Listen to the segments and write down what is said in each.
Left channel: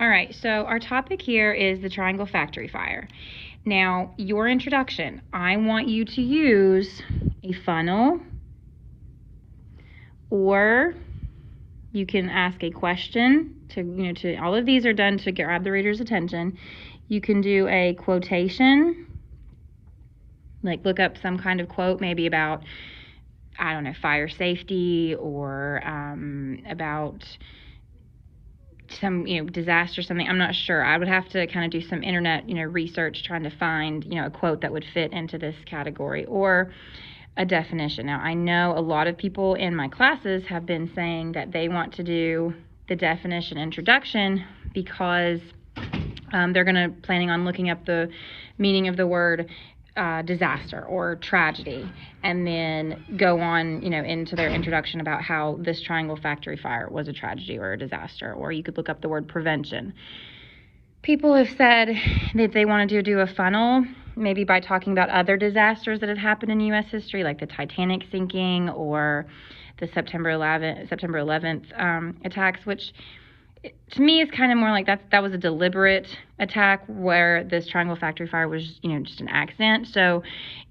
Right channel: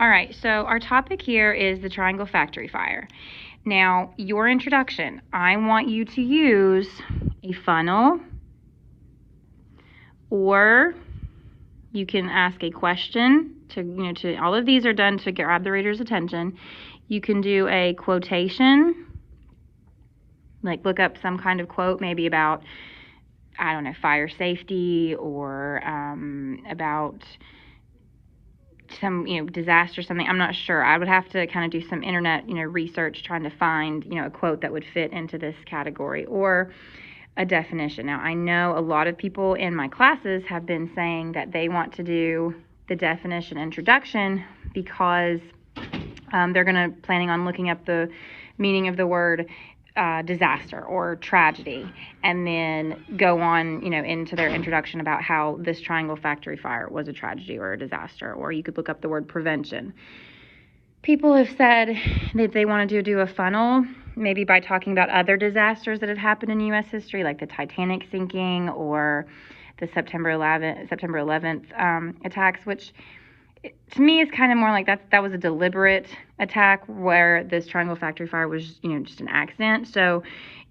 All right, so our topic here is the Triangle Factory Fire. Now, your introduction, I want you to use a funnel, or you can ask a question to all of these are done to grab the reader's attention. You can do a quotation, like look up some kind of quote, maybe about, I don't know, fire safety, or about some disaster, something. I'm not sure. I would have to kind of do some internet research trying to find a quote that would fit into this category, or a definition. Now, I know a lot of people in my classes have been saying that they want to do the definition introduction because they're planning on looking up the meaning of the word disaster or tragedy, and then go on into their introduction about how this Triangle Factory Fire was a tragedy or a disaster. Or you could look up the word prevention. People have said that they want to do a funnel, maybe by talking about other disasters that have happened in U.S. history, like the Titanic sinking or the September 11th attacks, which to me is kind of more like that was a deliberate attack, where this Triangle Factory Fire was just an accident. So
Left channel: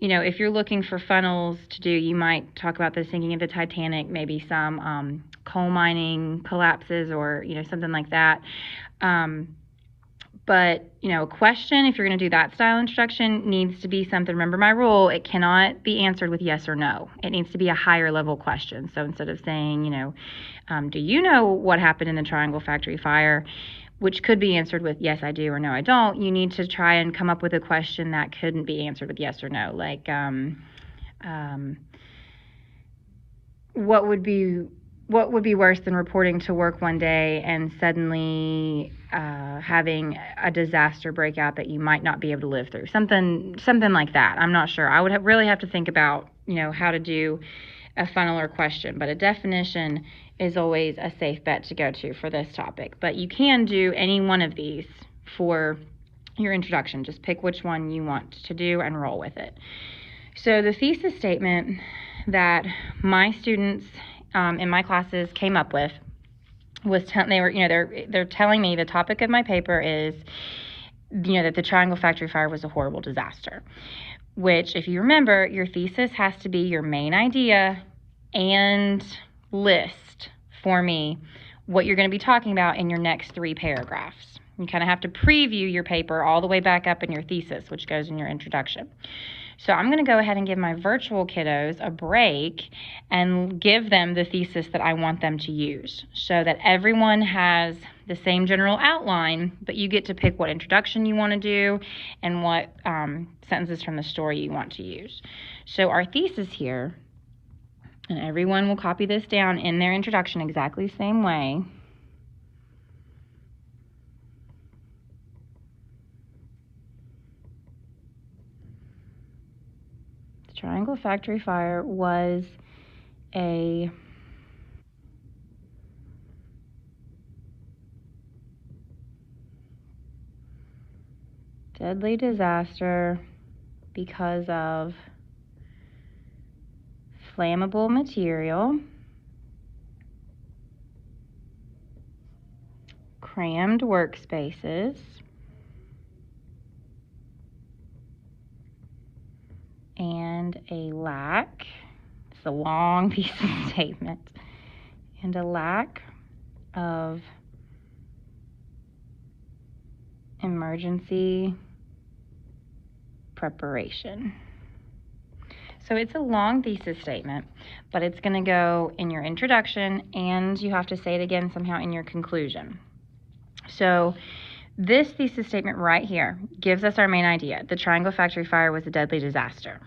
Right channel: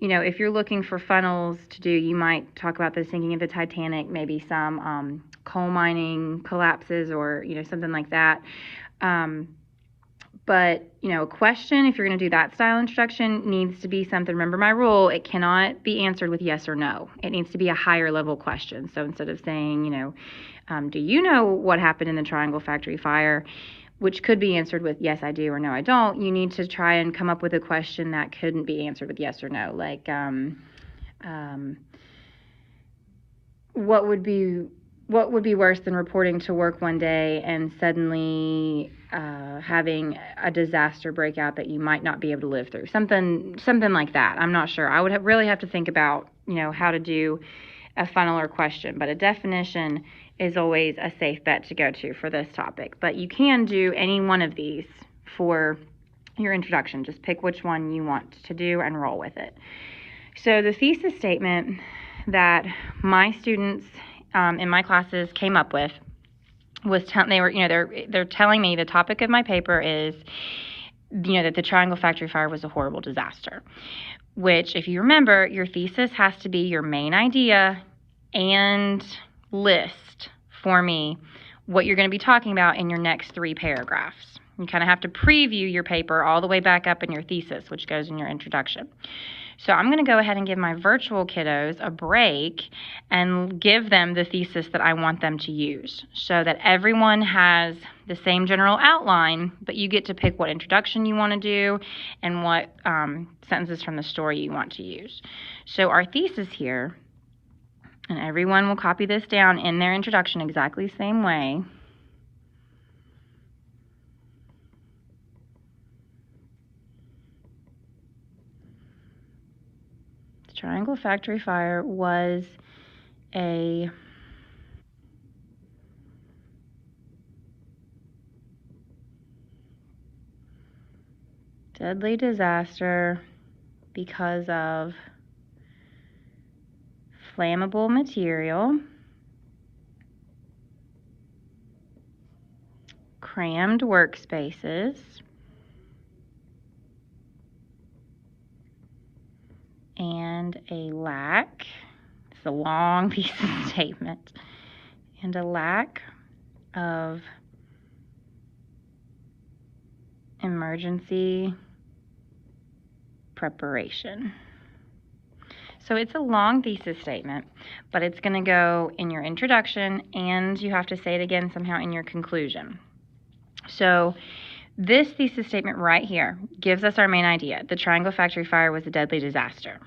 if you're looking for funnels to do, you might talk about the sinking of the Titanic, maybe some coal mining collapses, or something like that. But a question, if you're going to do that style introduction, needs to be something. Remember my rule, it cannot be answered with yes or no. It needs to be a higher level question. So instead of saying, do you know what happened in the Triangle Factory Fire, which could be answered with yes I do or no I don't, you need to try and come up with a question that couldn't be answered with yes or no. Like what would be worse than reporting to work one day and suddenly having a disaster break out that you might not be able to live through? Something like that. I'm not sure. I would really have to think about how to do a funnel or question, but a definition is always a safe bet to go to for this topic. But you can do any one of these for your introduction. Just pick which one you want to do and roll with it. So the thesis statement that my students in my classes came up with was they're telling me the topic of my paper is that the Triangle Factory Fire was a horrible disaster, which, if you remember, your thesis has to be your main idea and list for me what you're going to be talking about in your next 3 paragraphs. You kind of have to preview your paper all the way back up in your thesis, which goes in your introduction. So I'm going to go ahead and give my virtual kiddos a break and give them the thesis that I want them to use, so that everyone has the same general outline, but you get to pick what introduction you want to do and what sentences from the story you want to use. So our thesis here, and everyone will copy this down in their introduction exactly the same way. Triangle Factory Fire was a deadly disaster because of flammable material, crammed workspaces, and a lack, it's a long piece of statement, and a lack of emergency preparation. So it's a long thesis statement, but it's going to go in your introduction, and you have to say it again somehow in your conclusion. So this thesis statement right here gives us our main idea. The Triangle Factory Fire was a deadly disaster.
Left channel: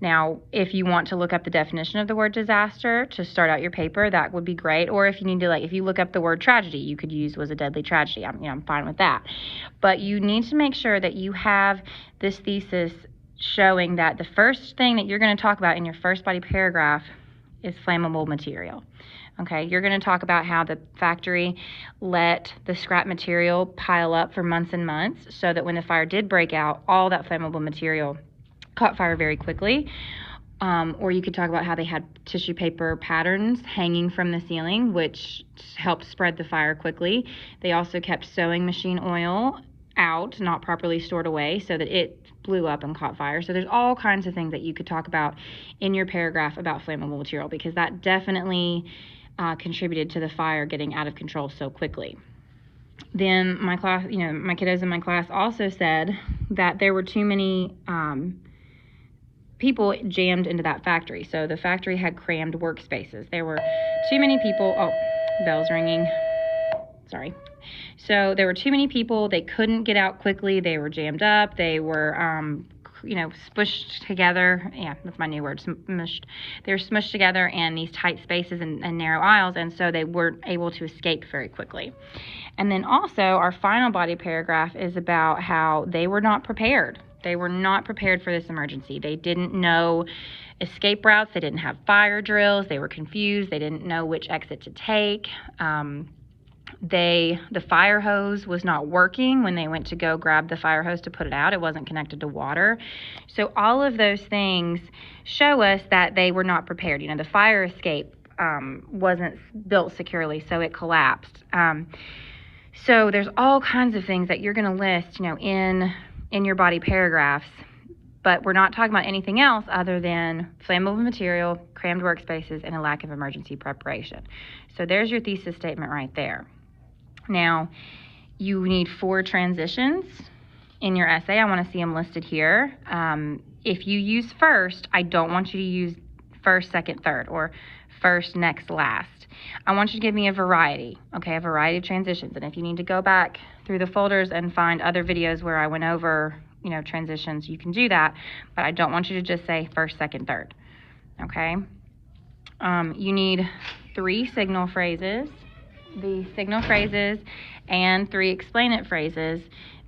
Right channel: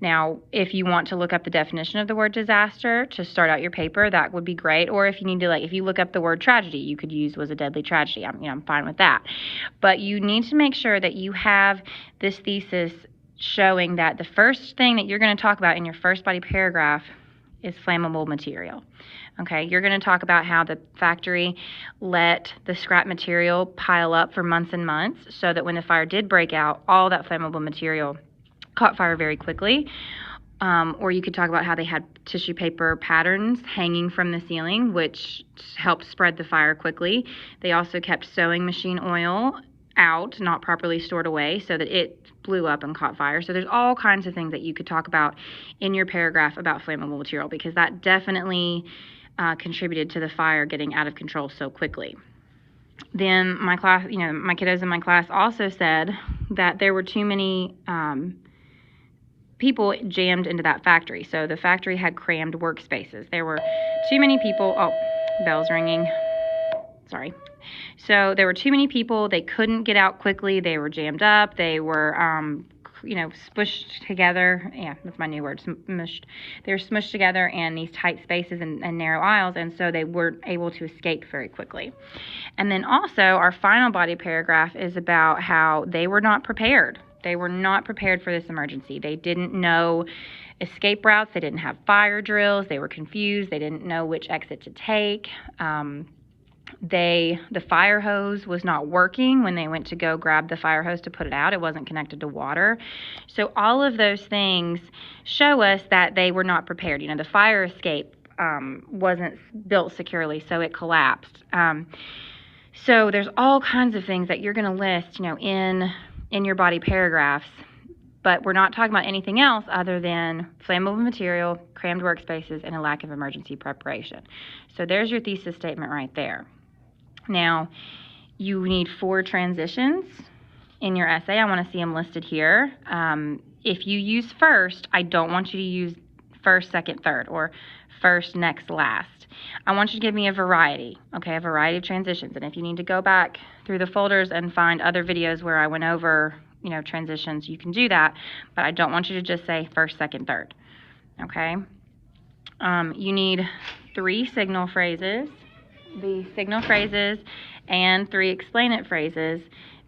Now, if you want to look up the definition of the word disaster to start out your paper, that would be great. Or if you need to, if you look up the word tragedy, you could use was a deadly tragedy. I'm fine with that. But you need to make sure that you have this thesis showing that the first thing that you're going to talk about in your first body paragraph is flammable material. Okay, you're going to talk about how the factory let the scrap material pile up for months and months, so that when the fire did break out, all that flammable material caught fire very quickly. Or you could talk about how they had tissue paper patterns hanging from the ceiling, which helped spread the fire quickly. They also kept sewing machine oil out, not properly stored away, so that it blew up and caught fire. So there's all kinds of things that you could talk about in your paragraph about flammable material, because that definitely contributed to the fire getting out of control so quickly. Then my class, my kiddos in my class also said that there were too many people jammed into that factory. So the factory had crammed workspaces. There were too many people. Oh, bell's ringing. Sorry. So there were too many people. They couldn't get out quickly. They were jammed up. They were, smushed together. Yeah, that's my new word, smushed. They were smushed together in these tight spaces and narrow aisles, and so they weren't able to escape very quickly. And then also, our final body paragraph is about how they were not prepared. They were not prepared for this emergency. They didn't know escape routes. They didn't have fire drills. They were confused. They didn't know which exit to take. The fire hose was not working when they went to go grab the fire hose to put it out. It wasn't connected to water. So all of those things show us that they were not prepared. The fire escape wasn't built securely, so it collapsed. So there's all kinds of things that you're going to list, in your body paragraphs, but we're not talking about anything else other than flammable material, crammed workspaces, and a lack of emergency preparation. So there's your thesis statement right there. Now, you need 4 transitions in your essay. I want to see them listed here. If you use first, I don't want you to use first, second, third, or first, next, last. I want you to give me a variety, okay, a variety of transitions. And if you need to go back through the folders and find other videos where I went over, transitions, you can do that. But I don't want you to just say first, second, third, okay? You need 3 signal phrases. The signal phrases and 3 explain it phrases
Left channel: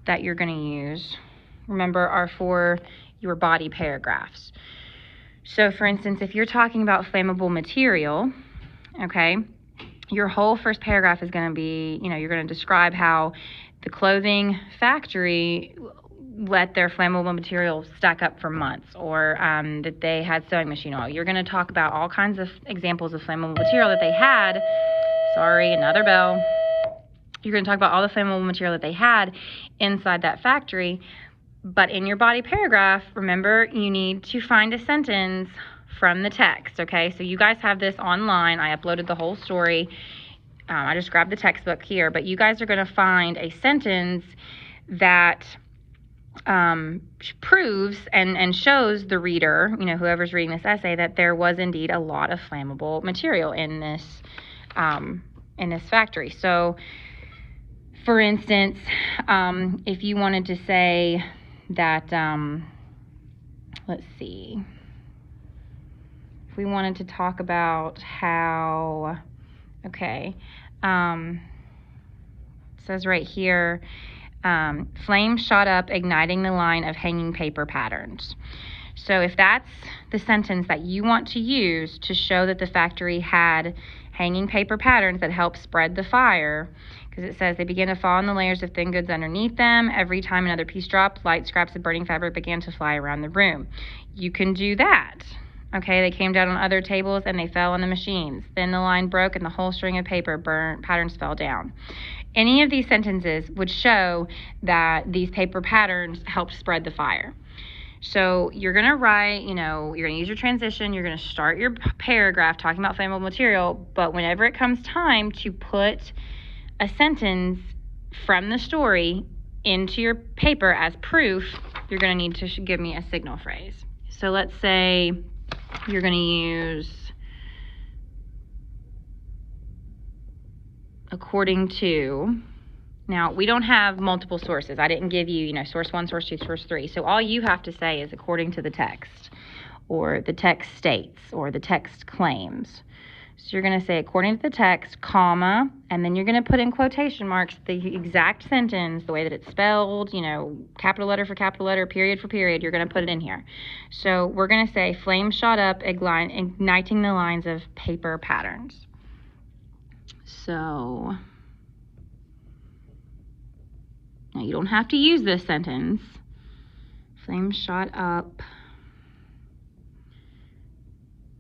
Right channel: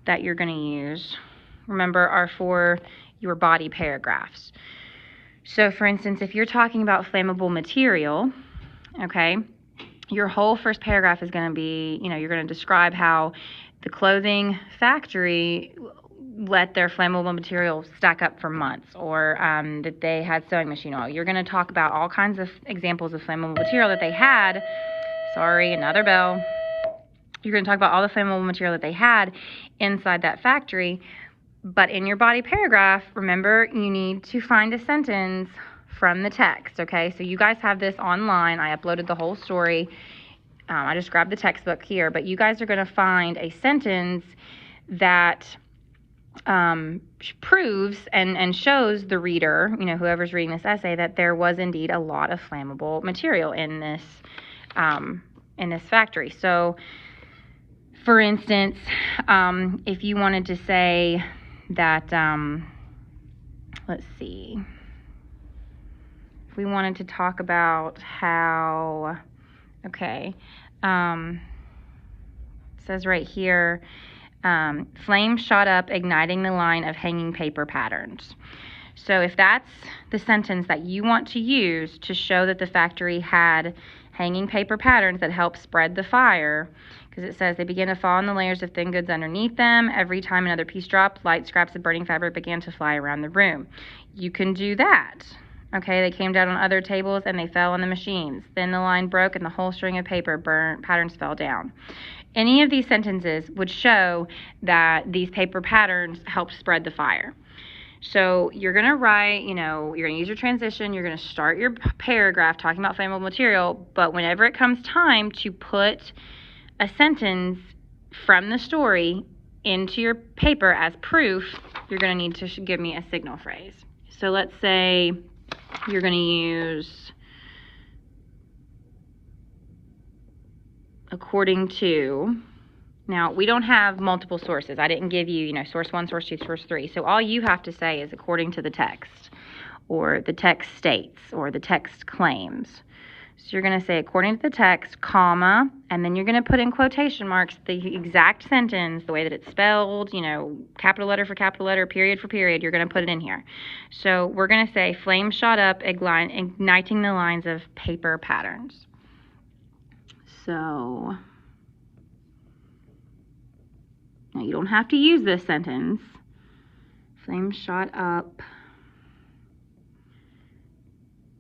that you're going to use, remember, are for your body paragraphs. So, for instance, if you're talking about flammable material, okay, your whole first paragraph is going to be, you're going to describe how the clothing factory let their flammable material stack up for months, or that they had sewing machine oil. You're going to talk about all kinds of examples of flammable material that they had. Sorry, another bell. You're going to talk about all the flammable material that they had inside that factory. But in your body paragraph, remember, you need to find a sentence from the text, okay? So you guys have this online. I uploaded the whole story. I just grabbed the textbook here. But you guys are going to find a sentence that proves and shows the reader, whoever's reading this essay, that there was indeed a lot of flammable material in this factory. So, for instance, if you wanted to say that, let's see, if we wanted to talk about how, okay, it says right here, flames shot up, igniting the line of hanging paper patterns. So if that's the sentence that you want to use to show that the factory had hanging paper patterns that help spread the fire, because it says they began to fall in the layers of thin goods underneath them. Every time another piece dropped, light scraps of burning fabric began to fly around the room. You can do that. Okay, they came down on other tables and they fell on the machines. Then the line broke and the whole string of paper patterns fell down. Any of these sentences would show that these paper patterns helped spread the fire. So you're going to write, you're going to use your transition, you're going to start your paragraph talking about flammable material, but whenever it comes time to put a sentence from the story into your paper as proof, you're going to need to give me a signal phrase. So let's say you're going to use according to. Now, we don't have multiple sources. I didn't give you, source 1, source 2, source 3. So all you have to say is according to the text, or the text states, or the text claims. So you're going to say according to the text, comma, and then you're going to put in quotation marks the exact sentence, the way that it's spelled, capital letter for capital letter, period for period. You're going to put it in here. So we're going to say flames shot up, igniting the lines of paper patterns. So now you don't have to use this sentence. Flames shot up,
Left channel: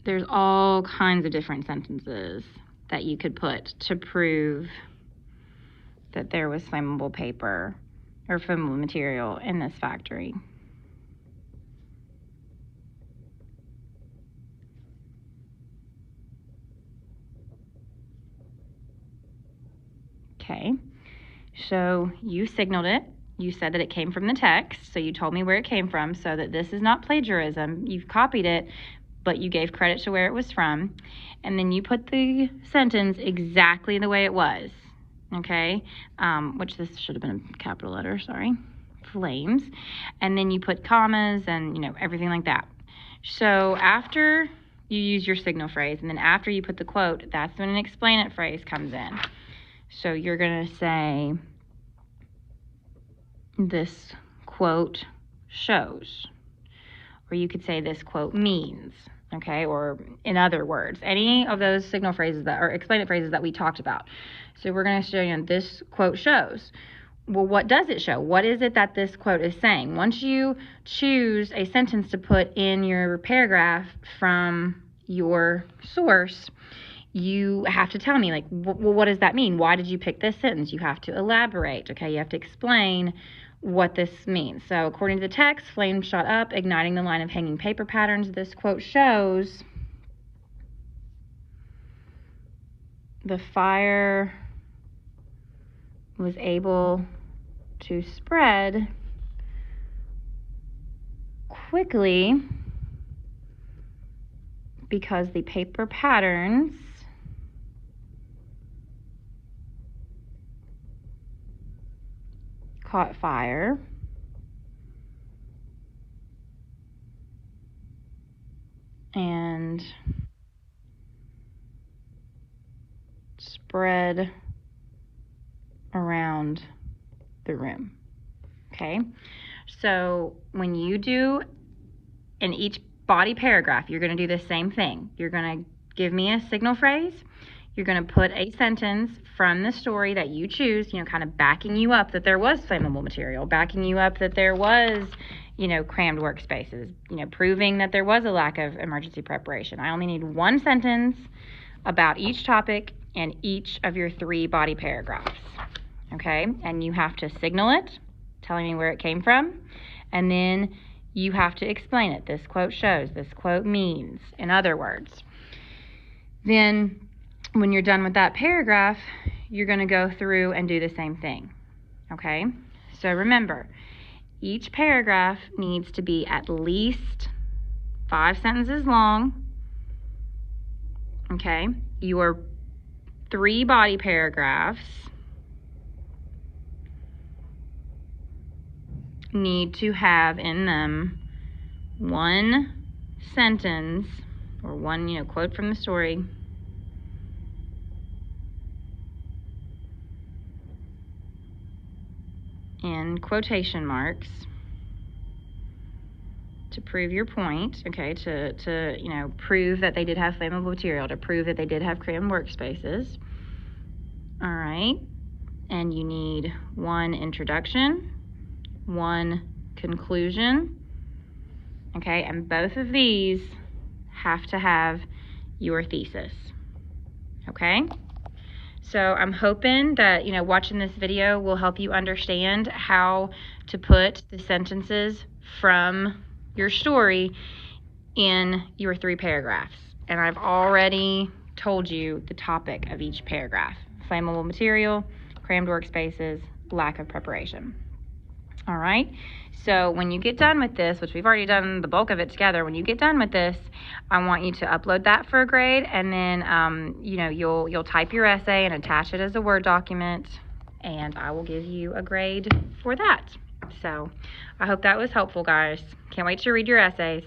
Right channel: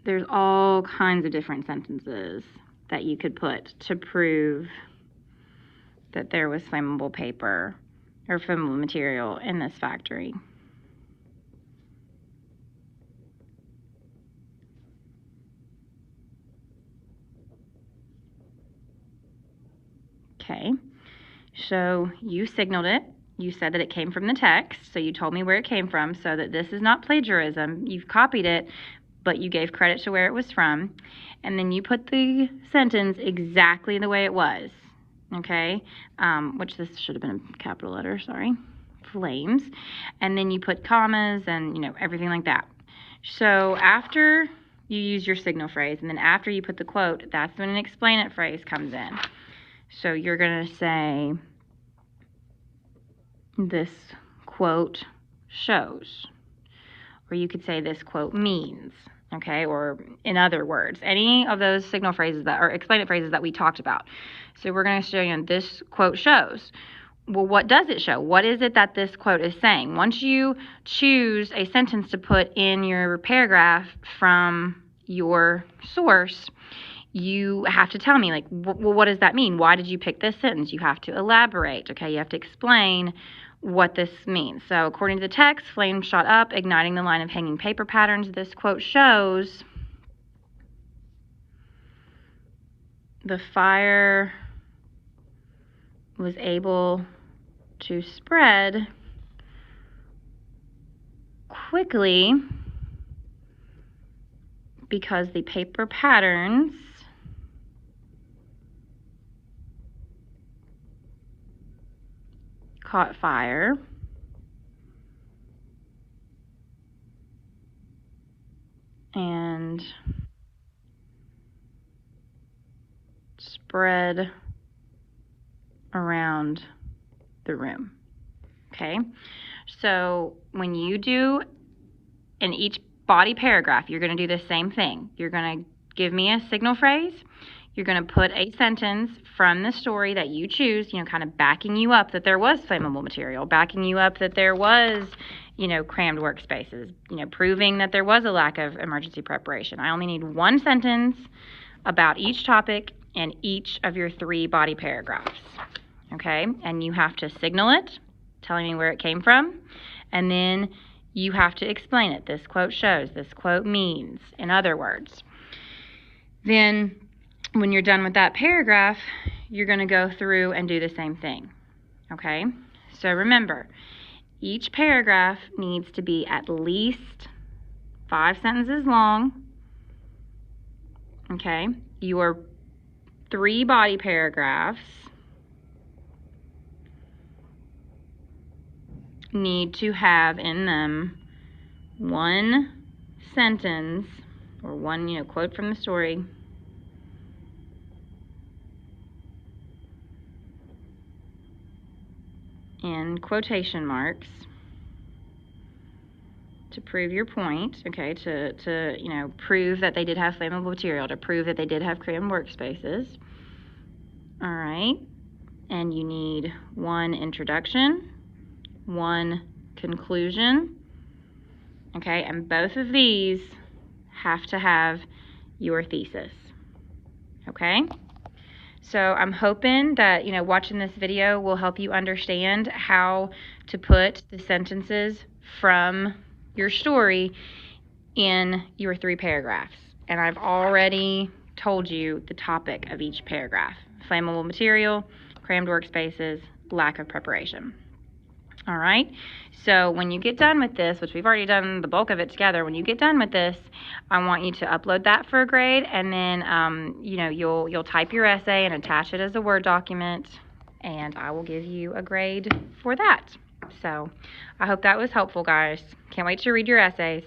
there's all kinds of different sentences that you could put to prove that there was flammable paper or flammable material in this factory. Okay, so you signaled it. You said that it came from the text, so you told me where it came from, so that this is not plagiarism. You've copied it, but you gave credit to where it was from, and then you put the sentence exactly the way it was, okay? Which this should have been in capital letters, sorry. Flames. And then you put commas and, everything like that. So after you use your signal phrase, and then after you put the quote, that's when an explain it phrase comes in. So you're going to say, this quote shows. Or you could say this quote means, okay? Or in other words, any of those signal phrases that, or explain it phrases that we talked about. So we're going to show you this quote shows. Well, what does it show? What is it that this quote is saying? Once you choose a sentence to put in your paragraph from your source, you have to tell me, like, well, what does that mean? Why did you pick this sentence? You have to elaborate, okay? You have to explain what this means. So according to the text, flames shot up, igniting the line of hanging paper patterns. This quote shows the fire was able to spread quickly because the paper patterns caught fire and spread around the room. Okay, so when you do in each body paragraph, you're going to do the same thing. You're going to give me a signal phrase. You're going to put a sentence from the story that you choose, kind of backing you up that there was flammable material, backing you up that there was, crammed workspaces, proving that there was a lack of emergency preparation. I only need one sentence about each topic in each of your 3 body paragraphs, okay? And you have to signal it, telling me where it came from, and then you have to explain it. This quote shows, this quote means, in other words. Then when you're done with that paragraph, you're going to go through and do the same thing, okay? So remember, each paragraph needs to be at least 5 sentences long, okay? Your 3 body paragraphs need to have in them one sentence or one, quote from the story in quotation marks to prove your point, okay, to prove that they did have flammable material, to prove that they did have crammed workspaces. All right, and you need 1 introduction, 1 conclusion, okay, and both of these have to have your thesis, okay? So I'm hoping that, watching this video will help you understand how to put the sentences from your story in your 3 paragraphs. And I've already told you the topic of each paragraph: flammable material, crammed workspaces, lack of preparation. All right, so when you get done with this, which we've already done the bulk of it together, when you get done with this, I want you to upload that for a grade, and then you'll type your essay and attach it as a Word document, and I will give you a grade for that. So I hope that was helpful, guys. Can't wait to read your essays.